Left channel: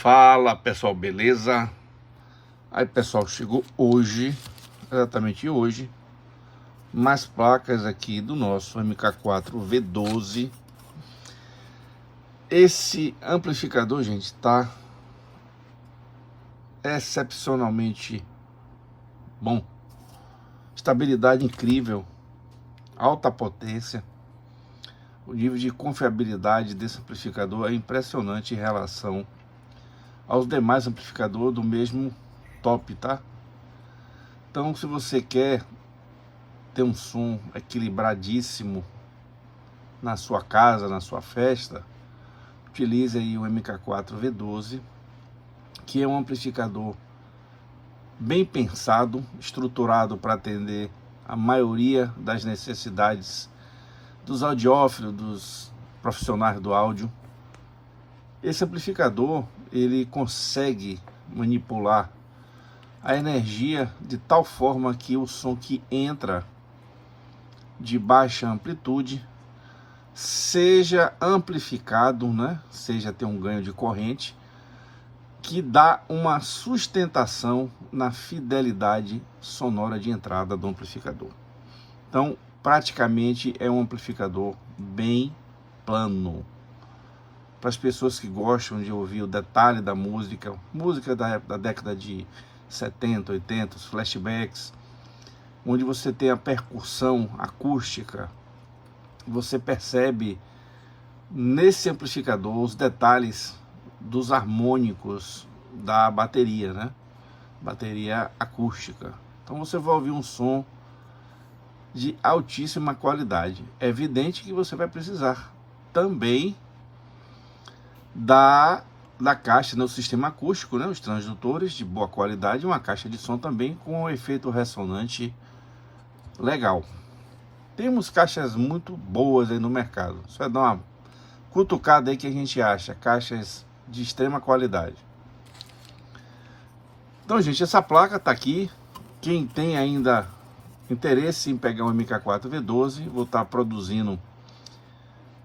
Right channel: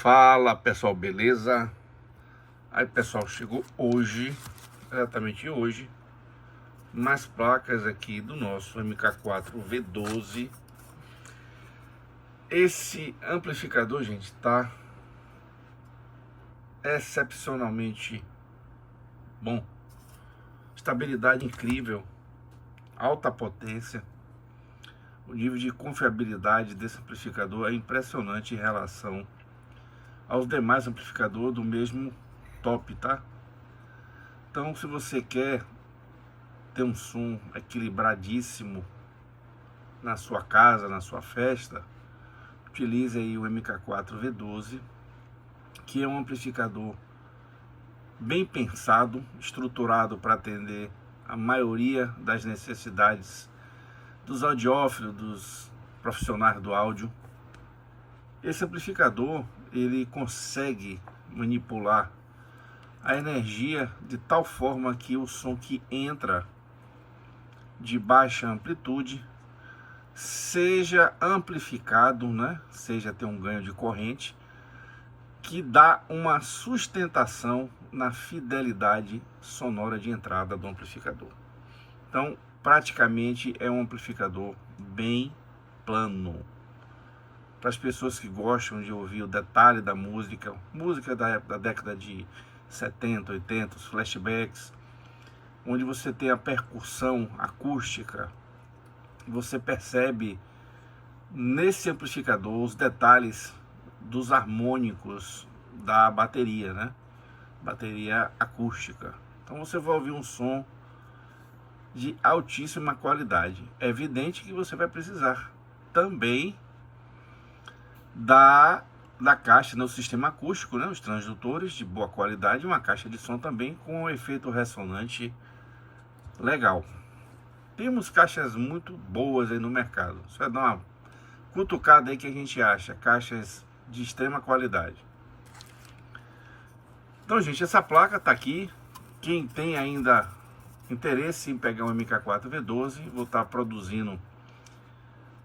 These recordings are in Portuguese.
Fala pessoal, beleza? Aí pessoal, chegou hoje, exatamente hoje, mais placas aqui do nosso MK4 V12. Esse amplificador, gente, tá excepcionalmente bom. Estabilidade incrível, alta potência. O nível de confiabilidade desse amplificador é impressionante em relação aos demais amplificadores do mesmo top, tá? Então, se você quer ter um som equilibradíssimo na sua casa, na sua festa, utilize aí o MK4 V12, que é um amplificador bem pensado, estruturado para atender a maioria das necessidades dos audiófilos, dos profissionais do áudio. Esse amplificador, ele consegue manipular a energia de tal forma que o som que entra de baixa amplitude seja amplificado, né? Seja ter um ganho de corrente que dá uma sustentação na fidelidade sonora de entrada do amplificador. Então, praticamente é um amplificador bem plano. Para as pessoas que gostam de ouvir o detalhe da música, música da década de 70, 80, os flashbacks, onde você tem a percussão acústica, você percebe nesse amplificador os detalhes dos harmônicos da bateria, né? Bateria acústica. Então você vai ouvir um som de altíssima qualidade. É evidente que você vai precisar também da caixa, no sistema acústico, né? Os transdutores de boa qualidade, uma caixa de som também com um efeito ressonante legal. Temos caixas muito boas aí no mercado. Você vai dar uma cutucada aí que a gente acha caixas de extrema qualidade. Então, gente, essa placa tá aqui. Quem tem ainda interesse em pegar um MK4 V12, vou estar produzindo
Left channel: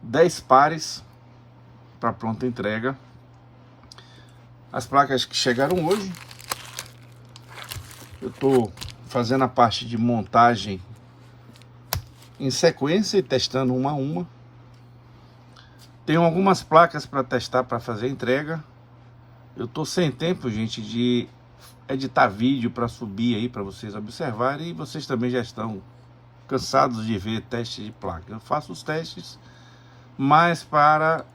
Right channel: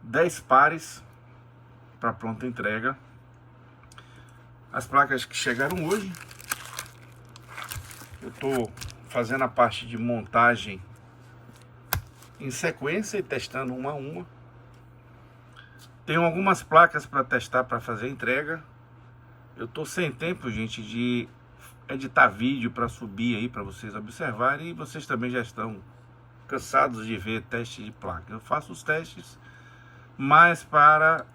10 pares para pronta entrega. As placas que chegaram hoje, eu tô fazendo a parte de montagem em sequência e testando uma a uma. Tenho algumas placas para testar para fazer a entrega. Eu tô sem tempo, gente, de editar vídeo para subir aí para vocês observarem, e vocês também já estão cansados de ver teste de placa. Eu faço os testes, mas para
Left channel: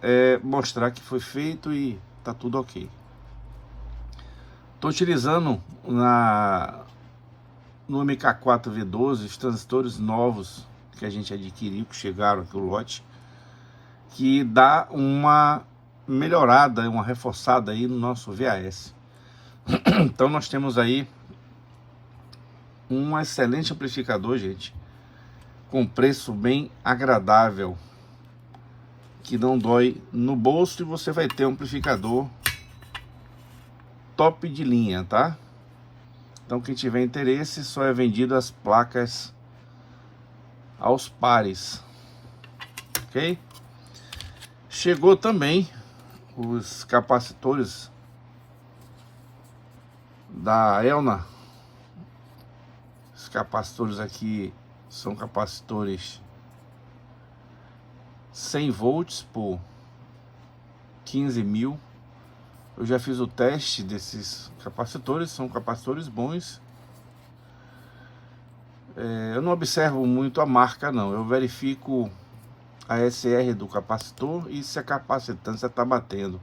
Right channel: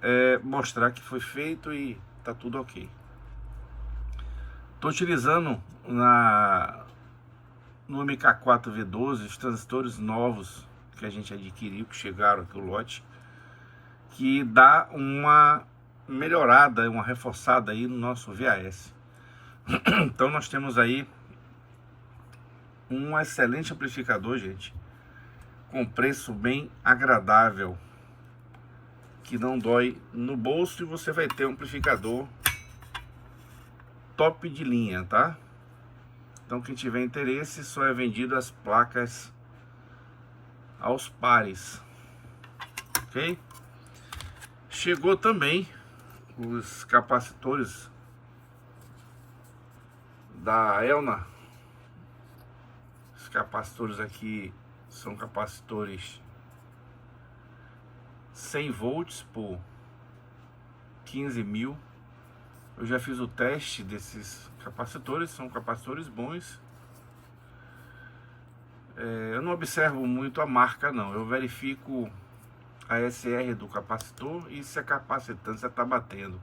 mostrar que foi feito e tá tudo ok. Estou utilizando no MK4 V12 os transistores novos que a gente adquiriu, que chegaram aqui o lote, que dá uma melhorada, uma reforçada aí no nosso VAS. Então nós temos aí um excelente amplificador, gente, com preço bem agradável, que não dói no bolso, e você vai ter um amplificador top de linha, tá? Então quem tiver interesse, só é vendido as placas aos pares, ok? Chegou também os capacitores da Elna. Os capacitores aqui são capacitores 100 volts por 15 mil. Eu já fiz o teste desses capacitores, são capacitores bons. Eu não observo muito a marca não, eu verifico a SR do capacitor e se a capacitância está batendo.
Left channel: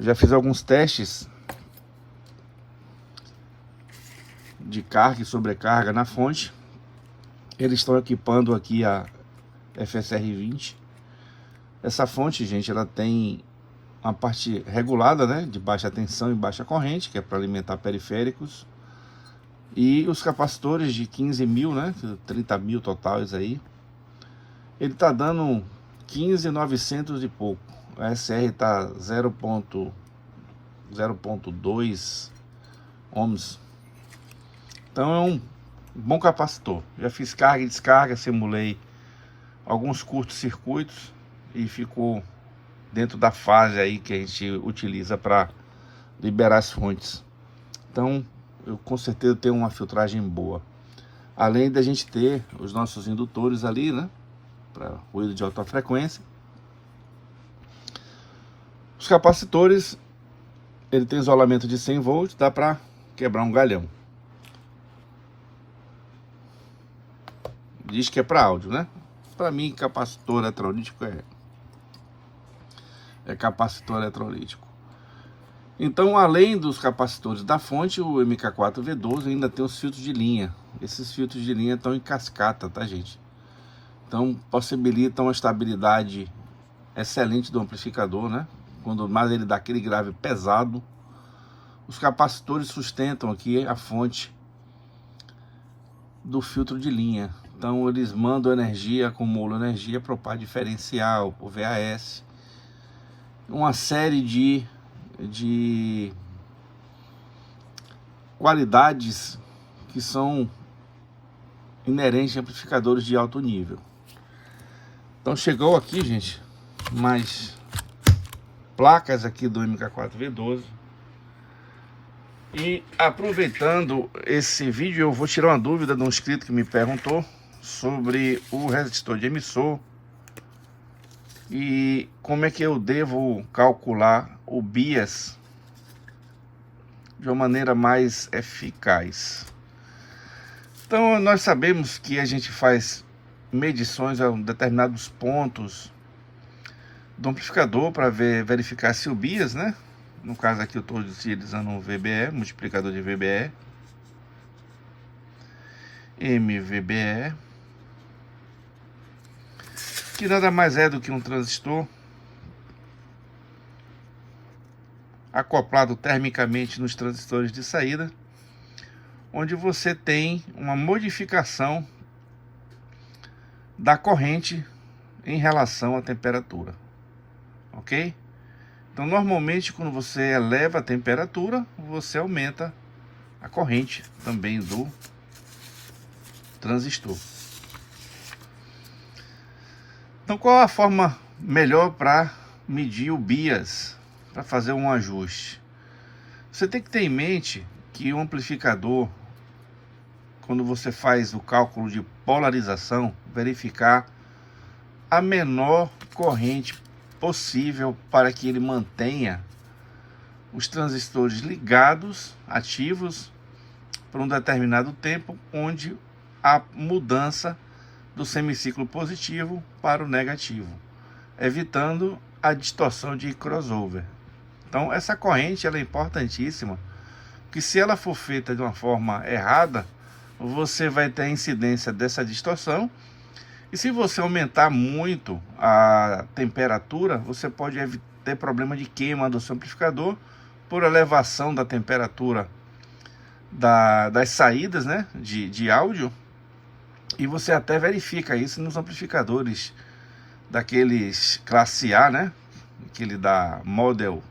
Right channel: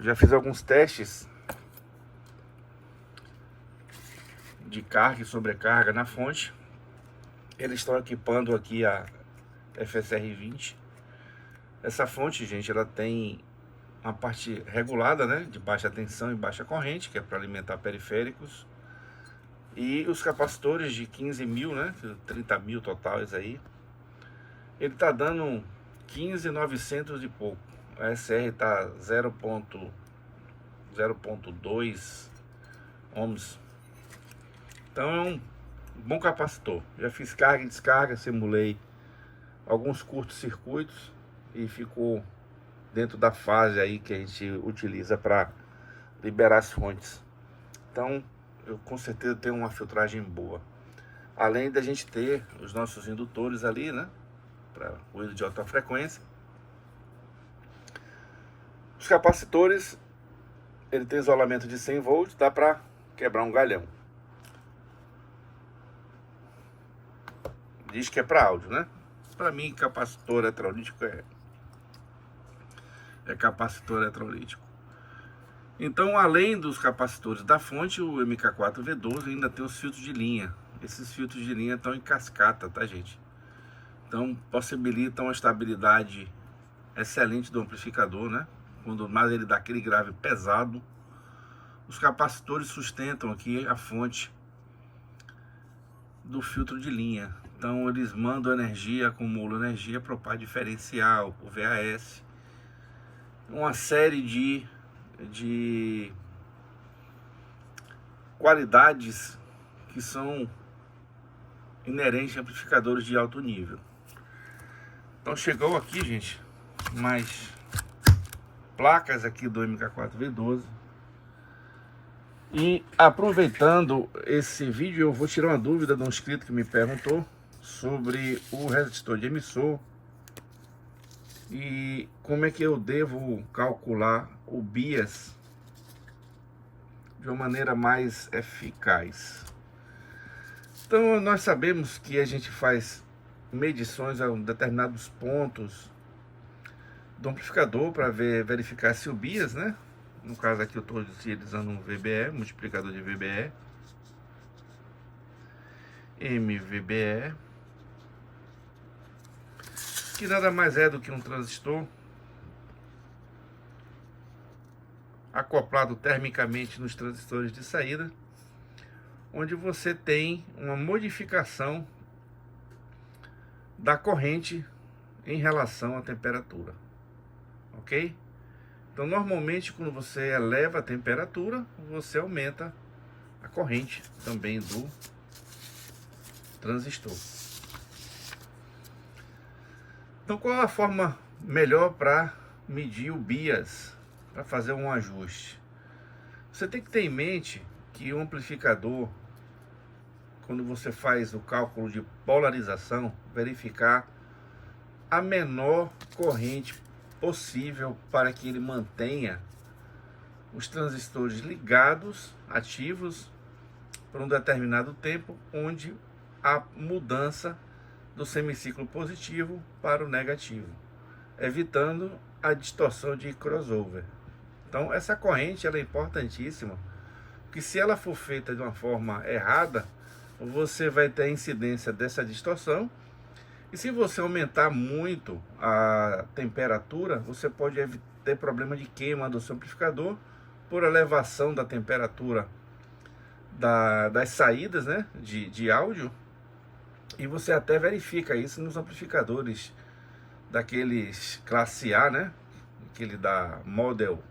Eu já fiz alguns testes de carga e sobrecarga na fonte. Eles estão equipando aqui a FSR20. Essa fonte, gente, ela tem uma parte regulada, né, de baixa tensão e baixa corrente, que é para alimentar periféricos. E os capacitores de 15 mil, né, 30 mil totais aí, ele tá dando 15.900 e pouco. A SR tá 0.2 ohms. Então é um bom capacitor. Já fiz carga e descarga, simulei alguns curtos-circuitos e ficou dentro da fase aí que a gente utiliza para liberar as fontes. Então, eu com certeza tenho uma filtragem boa. Além da gente ter os nossos indutores ali, né, para ruído de alta frequência. Os capacitores, ele tem isolamento de 100 volts, dá para quebrar um galhão. Diz que é para áudio, né? Para mim, capacitor eletrolítico é capacitor eletrolítico. Então, além dos capacitores da fonte, o MK4V12 ainda tem os filtros de linha. Esses filtros de linha estão em cascata, tá, gente? Então, possibilitam uma estabilidade excelente do amplificador, né? Quando mais ele dá aquele grave pesado, os capacitores sustentam aqui a fonte do filtro de linha. Então, eles mandam energia, acumulam energia para o par diferencial, o VAS, uma série de qualidades que são inerentes a amplificadores de alto nível. Então chegou aqui, gente, mais placas aqui do MK4V12. E aproveitando esse vídeo, eu vou tirar uma dúvida de um inscrito que me perguntou sobre o resistor de emissor e como é que eu devo calcular o bias de uma maneira mais eficaz. Então, nós sabemos que a gente faz medições a determinados pontos do amplificador para verificar se o bias, né? No caso aqui eu estou utilizando um VBE, multiplicador de VBE, MVBE, que nada mais é do que um transistor acoplado termicamente nos transistores de saída, onde você tem uma modificação da corrente em relação à temperatura, ok? Então, normalmente, quando você eleva a temperatura, você aumenta a corrente também do transistor. Então, qual a forma melhor para medir o bias, para fazer um ajuste? Você tem que ter em mente que o amplificador, quando você faz o cálculo de polarização, verificar a menor corrente possível para que ele mantenha os transistores ligados, ativos, por um determinado tempo, onde há mudança do semiciclo positivo para o negativo, evitando a distorção de crossover. Então, essa corrente ela é importantíssima, porque se ela for feita de uma forma errada, você vai ter a incidência dessa distorção. E se você aumentar muito a temperatura, você pode ter problema de queima do seu amplificador por elevação da temperatura das saídas, né, de áudio. E você até verifica isso nos amplificadores daqueles classe A, né, aquele da Model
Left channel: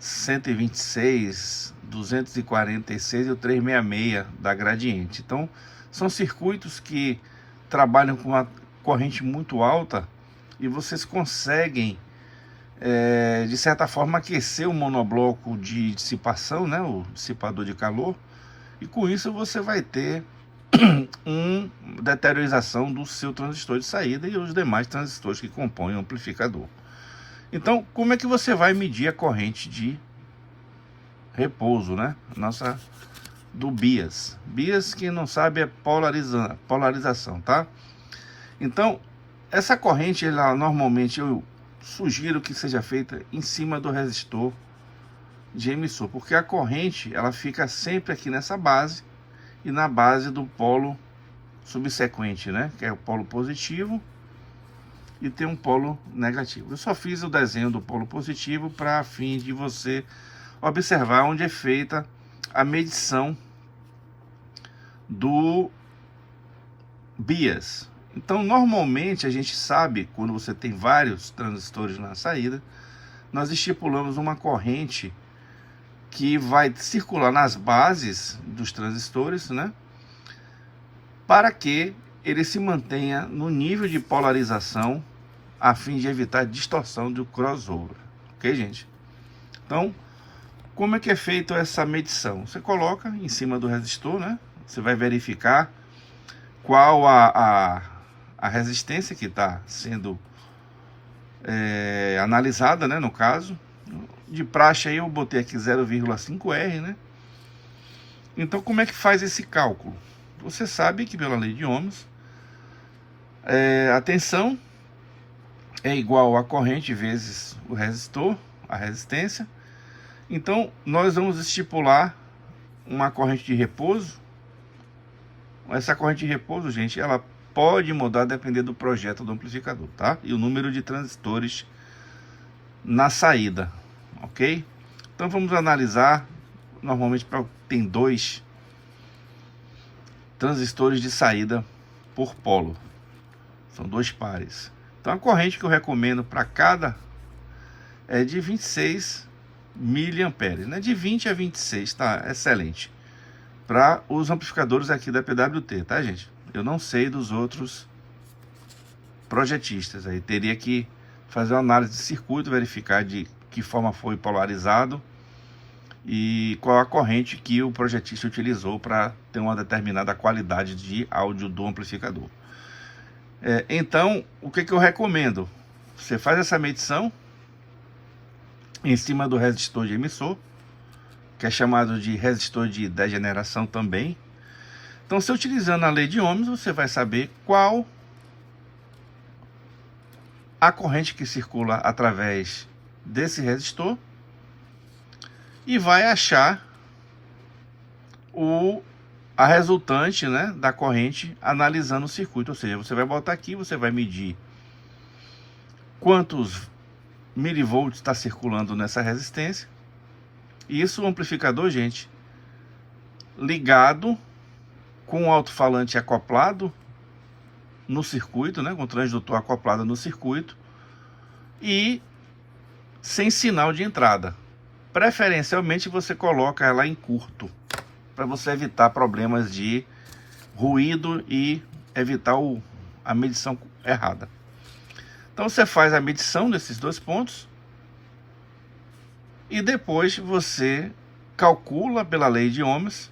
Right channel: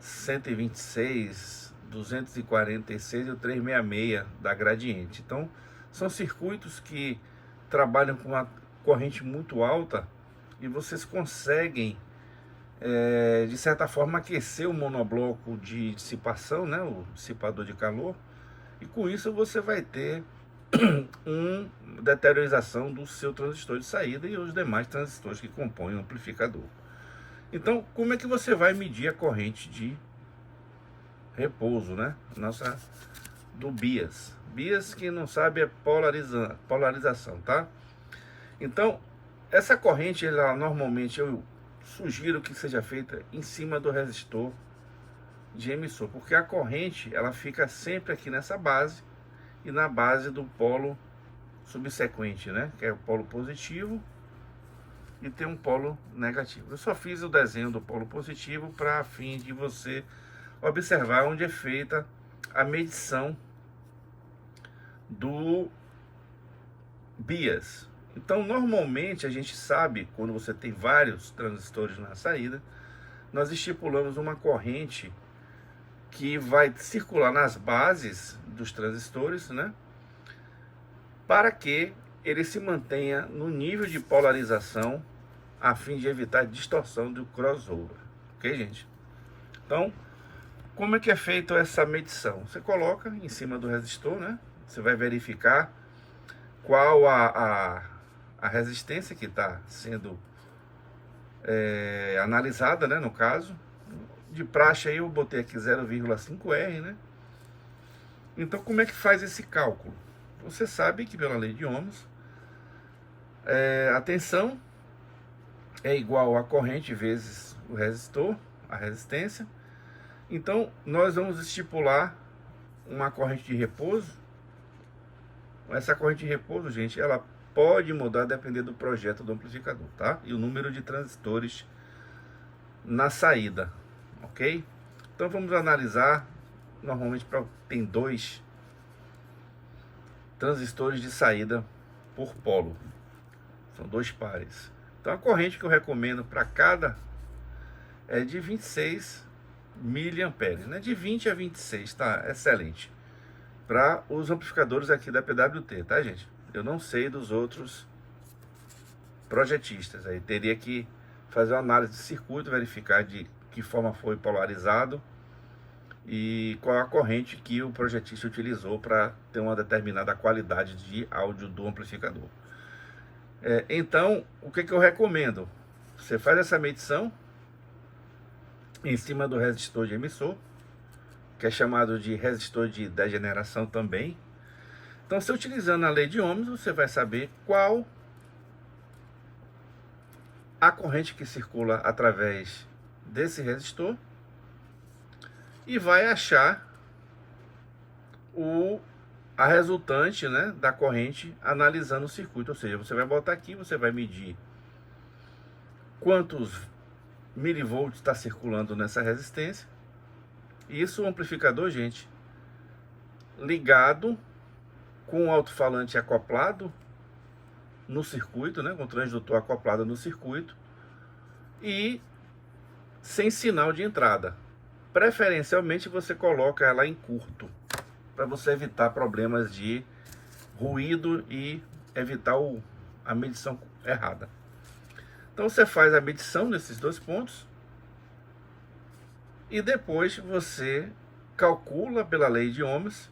126, 246 e o 366 da Gradiente. Então, são circuitos que trabalham com uma corrente muito alta e vocês conseguem, de certa forma, aquecer o monobloco de dissipação, né, o dissipador de calor, e com isso você vai ter uma deteriorização do seu transistor de saída e os demais transistores que compõem o amplificador. Então, como é que você vai medir a corrente de repouso, né? Do bias. Bias, quem não sabe, é polarização, tá? Então, essa corrente, ela normalmente eu sugiro que seja feita em cima do resistor de emissor, porque a corrente, ela fica sempre aqui nessa base e na base do polo subsequente, né? Que é o polo positivo e tem um polo negativo. Eu só fiz o desenho do polo positivo para fim de você observar onde é feita a medição do bias. Então, normalmente a gente sabe, quando você tem vários transistores na saída, nós estipulamos uma corrente que vai circular nas bases dos transistores, né? Para que ele se mantenha no nível de polarização a fim de evitar distorção do crossover, ok, gente? Então, como é que é feita essa medição? Você coloca em cima do resistor, né? Você vai verificar qual a resistência que está sendo analisada, né? No caso, de praxe aí eu botei aqui 0,5R, né? Então, como é que faz esse cálculo? Você sabe que pela lei de Ohms, a tensão é igual a corrente vezes o resistor, a resistência. Então, nós vamos estipular uma corrente de repouso. Essa corrente de repouso, gente, ela pode mudar dependendo do projeto do amplificador, tá? E o número de transistores na saída, ok? Então, vamos analisar. Normalmente tem 2 transistores de saída por polo. São 2 pares. Então, a corrente que eu recomendo para cada é de 26 miliamperes, né? De 20 a 26, tá? Excelente. Para os amplificadores aqui da PWT, tá, gente? Eu não sei dos outros projetistas. Aí teria que fazer uma análise de circuito, verificar de que forma foi polarizado e qual a corrente que o projetista utilizou para ter uma determinada qualidade de áudio do amplificador. Então, o que eu recomendo? Você faz essa medição em cima do resistor de emissor, que é chamado de resistor de degeneração também. Então, se utilizando a lei de Ohms, você vai saber qual a corrente que circula através desse resistor e vai achar a resultante, né, da corrente analisando o circuito. Ou seja, você vai botar aqui, você vai medir quantos milivolts está circulando nessa resistência. Isso o amplificador, gente, ligado com o alto-falante acoplado no circuito, né, com o transdutor acoplado no circuito e sem sinal de entrada. Preferencialmente você coloca ela em curto, para você evitar problemas de ruído e evitar a medição errada. Então você faz a medição desses 2 pontos e depois você calcula pela lei de Ohms,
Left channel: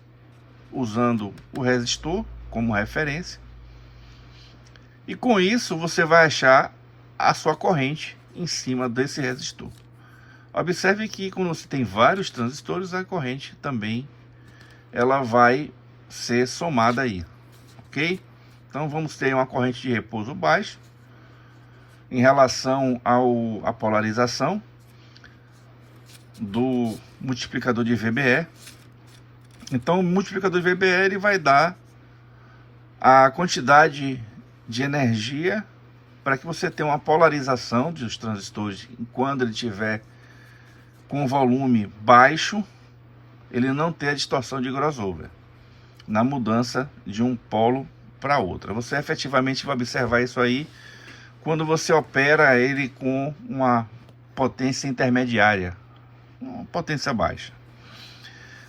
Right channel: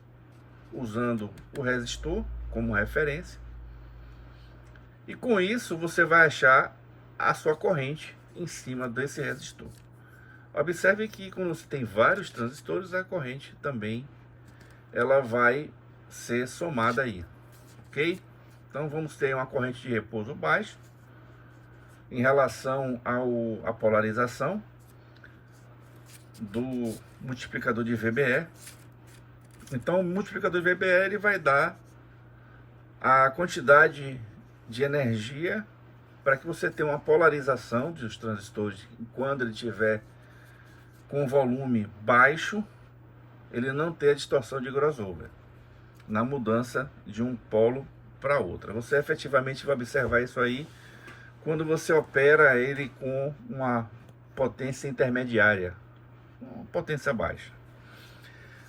usando o resistor como referência. E com isso você vai achar a sua corrente em cima desse resistor. Observe que quando você tem vários transistores, a corrente também ela vai ser somada aí, ok? Então vamos ter uma corrente de repouso baixo em relação à polarização do multiplicador de VBE. Então o multiplicador de VBE ele vai dar a quantidade de energia para que você tenha uma polarização dos transistores quando ele tiver com volume baixo, ele não ter a distorção de crossover na mudança de um polo para outro. Você efetivamente vai observar isso aí quando você opera ele com uma potência intermediária, uma potência baixa.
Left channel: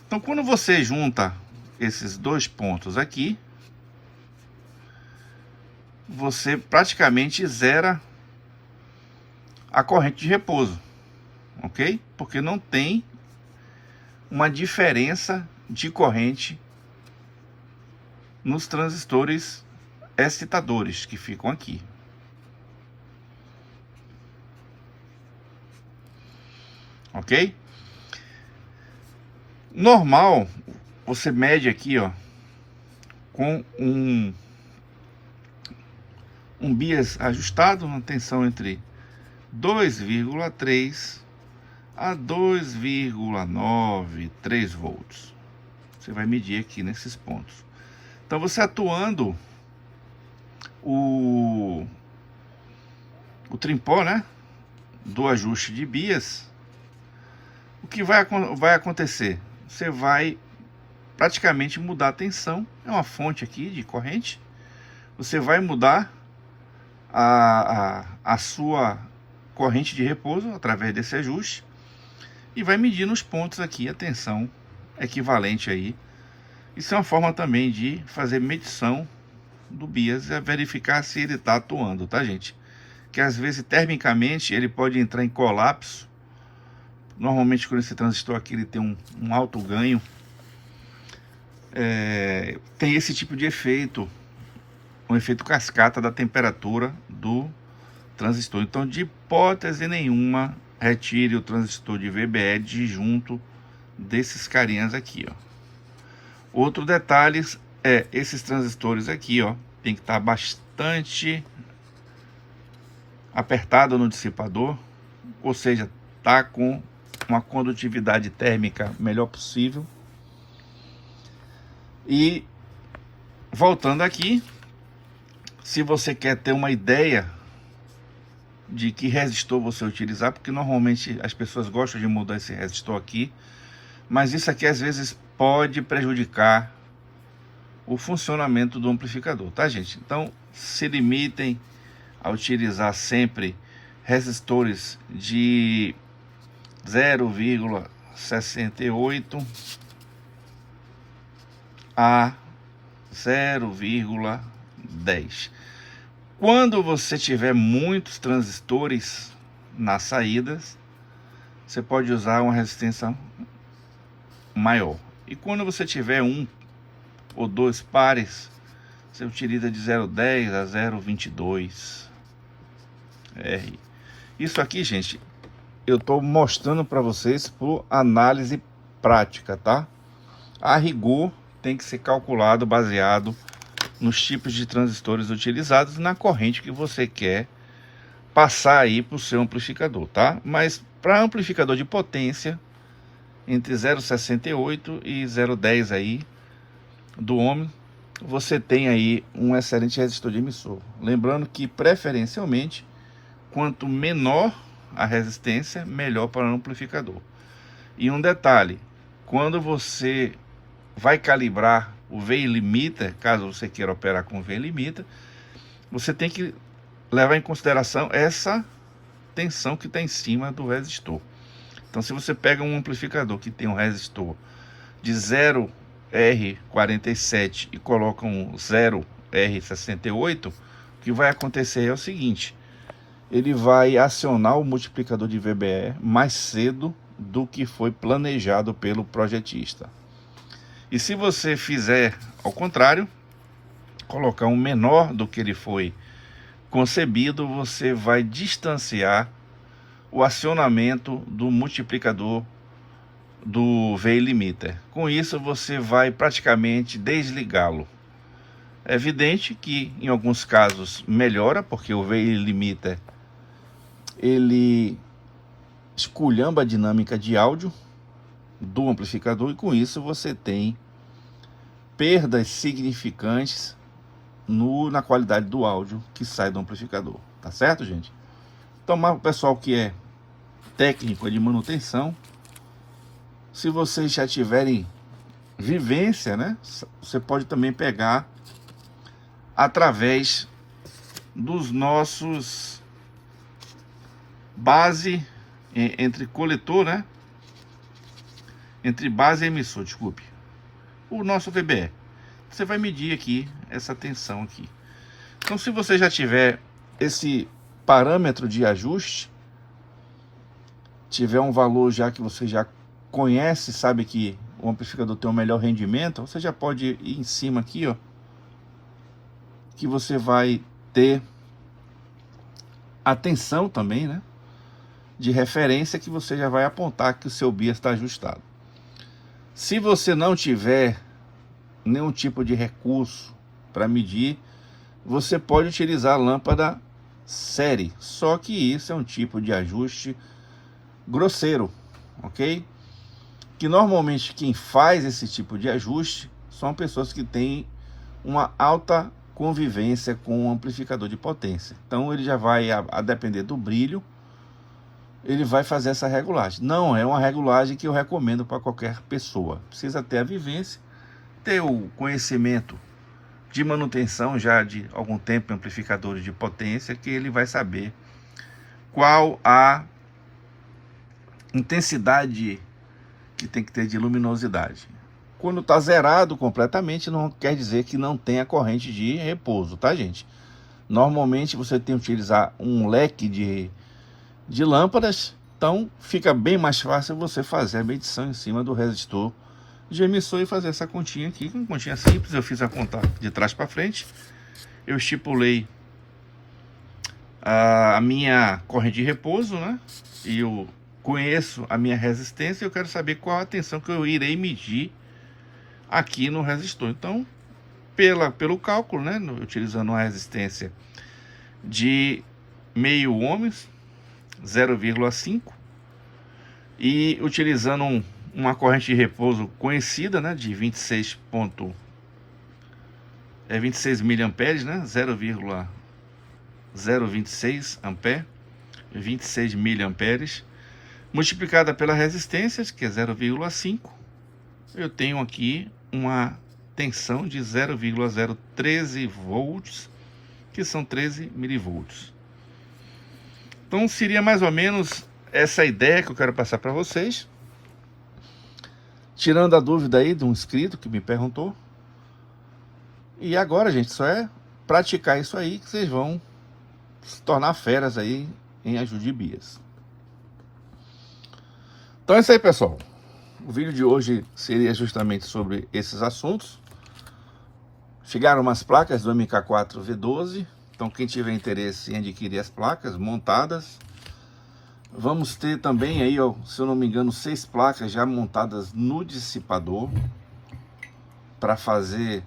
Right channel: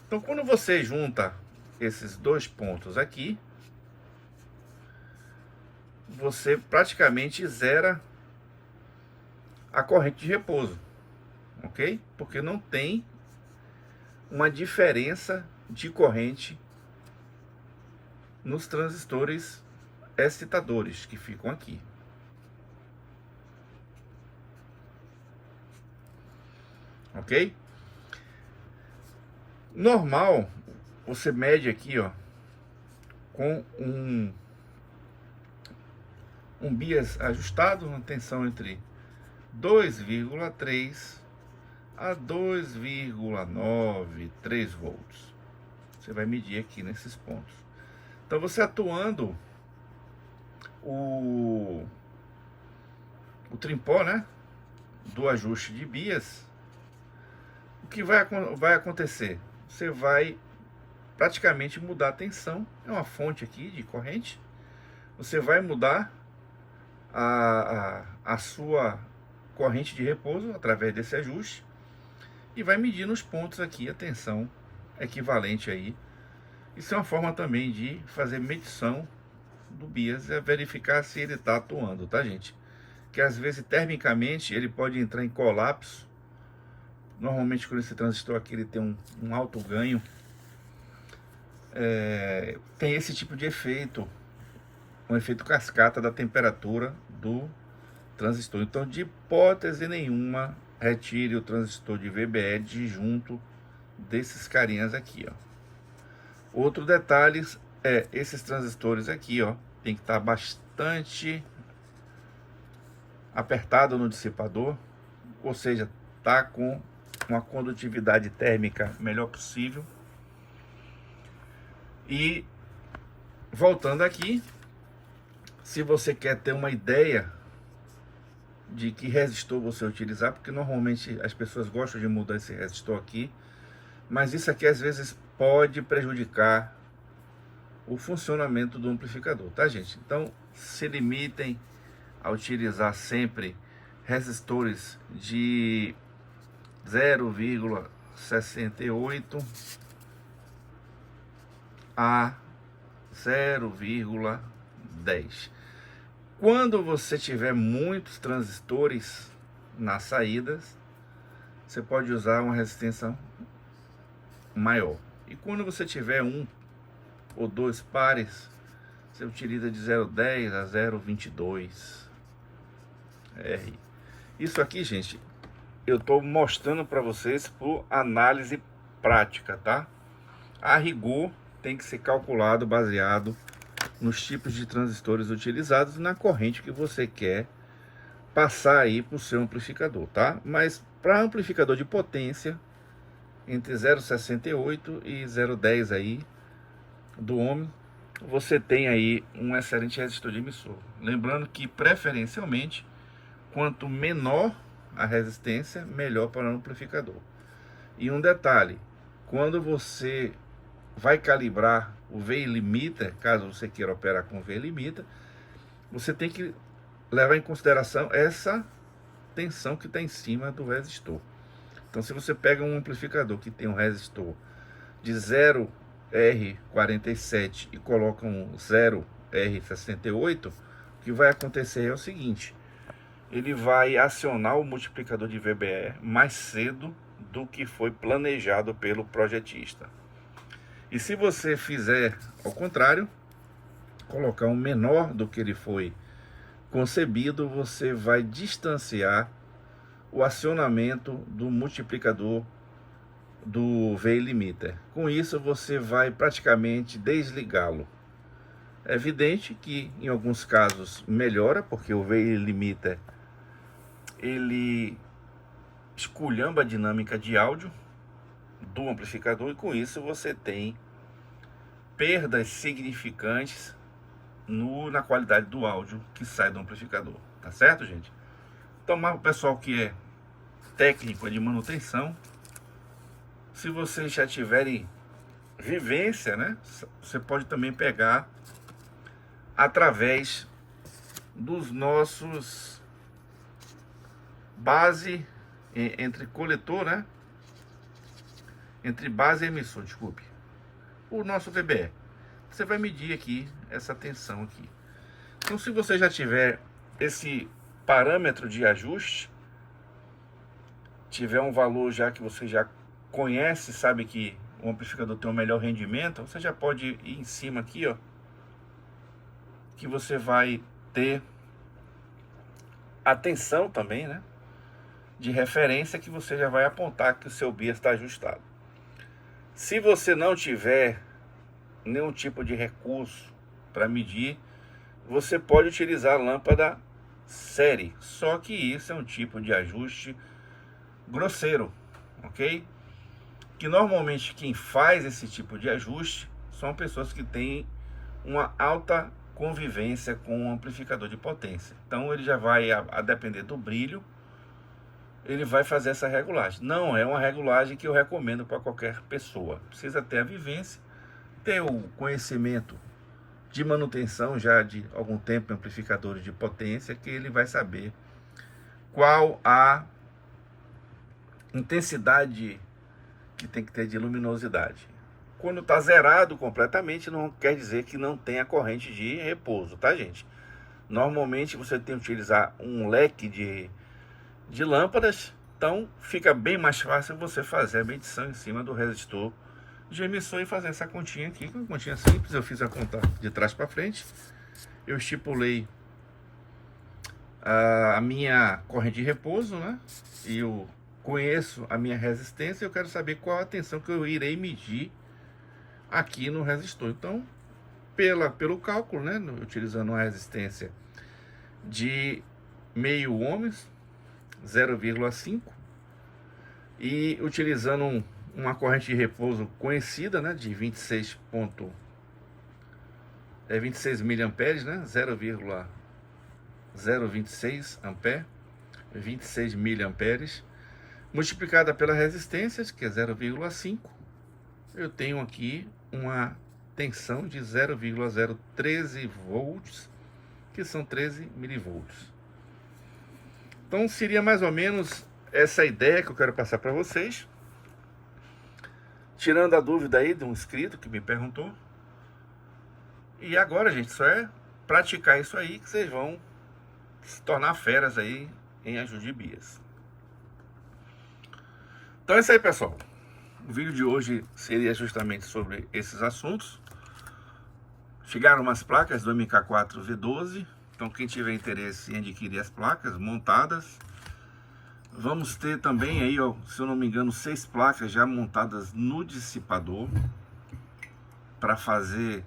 Então, quando você junta esses 2 pontos aqui, você praticamente zera a corrente de repouso, ok? Porque não tem uma diferença de corrente nos transistores excitadores que ficam aqui. Ok? Normal, você mede aqui, ó, com um bias ajustado, uma tensão entre 2,3 a 2,93 volts. Você vai medir aqui nesses pontos. Então você atuando o trimpó, né, do ajuste de bias, o que vai acontecer? Você vai praticamente mudar a tensão. É uma fonte aqui de corrente. Você vai mudar a sua corrente de repouso através desse ajuste e vai medir nos pontos aqui a tensão equivalente aí. Isso é uma forma também de fazer medição do bias, é verificar se ele está atuando, tá, gente? que às vezes termicamente ele pode entrar em colapso. Normalmente quando esse transistor aqui ele tem um alto ganho, tem esse tipo de efeito, um efeito cascata da temperatura do transistor. Então, de hipótese nenhuma, retire o transistor de VBE de junto desses carinhas aqui, ó. Outro detalhe é esses transistores aqui, ó, tem que estar bastante apertado no dissipador, ou seja, tá com uma condutividade térmica melhor possível. E voltando aqui, se você quer ter uma ideia de que resistor você utilizar, porque normalmente as pessoas gostam de mudar esse resistor aqui, mas isso aqui às vezes pode prejudicar o funcionamento do amplificador, tá, gente? Então, se limitem a utilizar sempre resistores de 0,68 a 0,10. Quando você tiver muitos transistores nas saídas, você pode usar uma resistência maior. E quando você tiver um ou dois pares, você utiliza de 0,10 a 0,22 R. Isso aqui, gente, eu estou mostrando para vocês por análise prática, tá? A rigor tem que ser calculado baseado nos tipos de transistores utilizados e na corrente que você quer passar aí para o seu amplificador, tá? Mas para amplificador de potência, entre 0,68 e 0,10 aí do ohm, você tem aí um excelente resistor de emissor. Lembrando que preferencialmente, quanto menor a resistência, melhor para o amplificador. E um detalhe, quando você vai calibrar o VI limiter, caso você queira operar com VI limiter, você tem que levar em consideração essa tensão que está em cima do resistor. Então, se você pega um amplificador que tem um resistor de 0R47 e coloca um 0R68, o que vai acontecer é o seguinte: ele vai acionar o multiplicador de VBE mais cedo do que foi planejado pelo projetista. E se você fizer ao contrário, colocar um menor do que ele foi concebido, você vai distanciar o acionamento do multiplicador do VI limiter. Com isso, você vai praticamente desligá-lo. É evidente que em alguns casos melhora, porque o VI limiter ele esculhamba a dinâmica de áudio do amplificador e com isso você tem perdas significantes na qualidade do áudio que sai do amplificador, tá certo, gente? Então, mas o pessoal que é técnico de manutenção, se vocês já tiverem vivência, né, você pode também pegar através dos nossos base entre coletor, né, entre base e emissor, desculpe, o nosso VBE. Você vai medir aqui essa tensão aqui. Então, se você já tiver esse parâmetro de ajuste, tiver um valor já que você já conhece, sabe que o amplificador tem um melhor rendimento, você já pode ir em cima aqui, ó, que você vai ter a tensão também, né, de referência, que você já vai apontar que o seu bias está ajustado. Se você não tiver nenhum tipo de recurso para medir, você pode utilizar a lâmpada série, só que isso é um tipo de ajuste grosseiro, ok? Que normalmente quem faz esse tipo de ajuste são pessoas que têm uma alta convivência com o amplificador de potência. Então ele já vai, a depender do brilho, ele vai fazer essa regulagem. Não é uma regulagem que eu recomendo para qualquer pessoa. Precisa ter a vivência, ter o conhecimento de manutenção já de algum tempo em amplificadores de potência, que ele vai saber qual a intensidade que tem que ter de luminosidade. Quando está zerado completamente, não quer dizer que não tenha corrente de repouso, tá, gente? Normalmente você tem que utilizar um leque de lâmpadas, então fica bem mais fácil você fazer a medição em cima do resistor de emissor e fazer essa continha aqui, uma continha simples. Eu fiz a conta de trás para frente, eu estipulei a minha corrente de repouso, né? E eu conheço a minha resistência, eu quero saber qual a tensão que eu irei medir aqui no resistor. Então, pelo cálculo, né, utilizando uma resistência de meio ohms, 0,5, e utilizando uma corrente de repouso conhecida, né, de 26 miliamperes, né, 0,026 ampere, 26 miliamperes, multiplicada pela resistência, que é 0,5, eu tenho aqui uma tensão de 0,013 volts, que são 13 milivolts. Então seria mais ou menos essa ideia que eu quero passar para vocês, tirando a dúvida aí de um inscrito que me perguntou. E agora, gente, só é praticar isso aí que vocês vão se tornar feras aí em Ajude Bias. Então é isso aí, pessoal. O vídeo de hoje seria justamente sobre esses assuntos. Chegaram umas placas do MK4 V12. Então quem tiver interesse em adquirir as placas montadas, vamos ter também aí, ó, se eu não me engano, 6 placas já montadas no dissipador, para fazer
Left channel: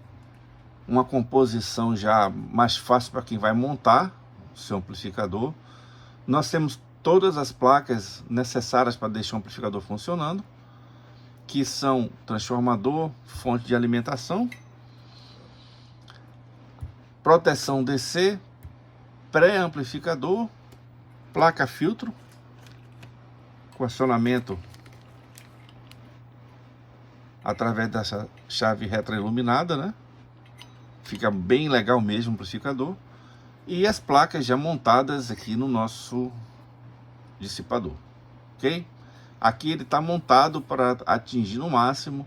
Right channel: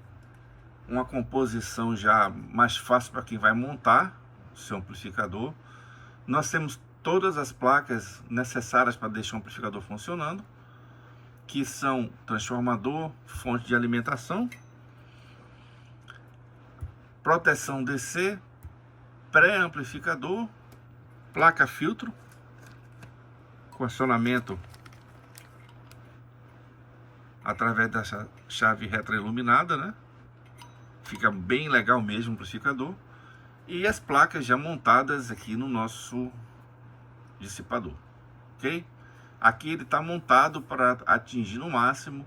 uma composição já mais fácil para quem vai montar o seu amplificador. Nós temos todas as placas necessárias para deixar o amplificador funcionando, que são transformador, fonte de alimentação, proteção DC, pré-amplificador, placa filtro, com acionamento através dessa chave retroiluminada, né? Fica bem legal mesmo o amplificador. E as placas já montadas aqui no nosso dissipador, ok? Aqui ele está montado para atingir no máximo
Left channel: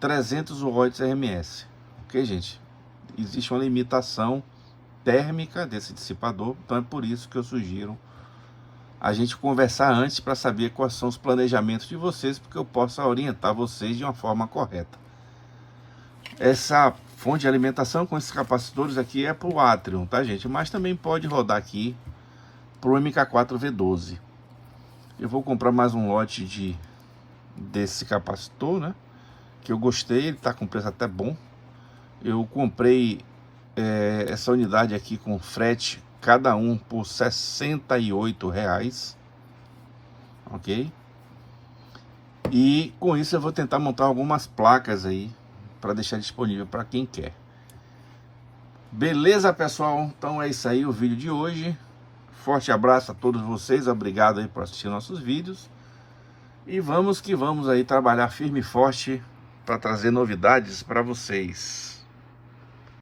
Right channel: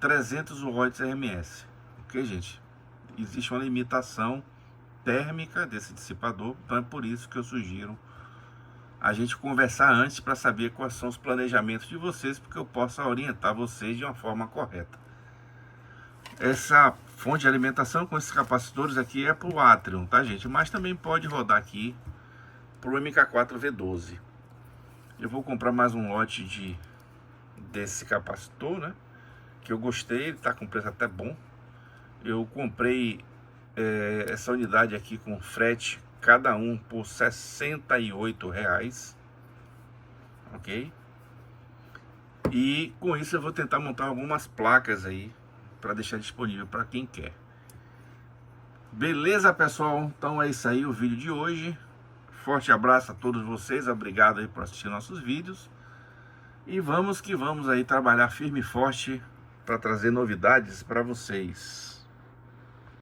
300 watts RMS, ok, gente? Existe uma limitação térmica desse dissipador, então é por isso que eu sugiro a gente conversar antes para saber quais são os planejamentos de vocês, porque eu possa orientar vocês de uma forma correta. Essa fonte de alimentação com esses capacitores aqui é para o Atrium, tá, gente? Mas também pode rodar aqui para o MK4 V12. Eu vou comprar mais um lote desse capacitor, né? Que eu gostei, ele tá com preço até bom. Eu comprei essa unidade aqui com frete, cada um por R$ 68, ok? E com isso eu vou tentar montar algumas placas aí para deixar disponível para quem quer. Beleza, pessoal? Então é isso aí o vídeo de hoje. Forte abraço a todos vocês, obrigado aí por assistir nossos vídeos. E vamos que vamos aí trabalhar firme e forte para trazer novidades para vocês.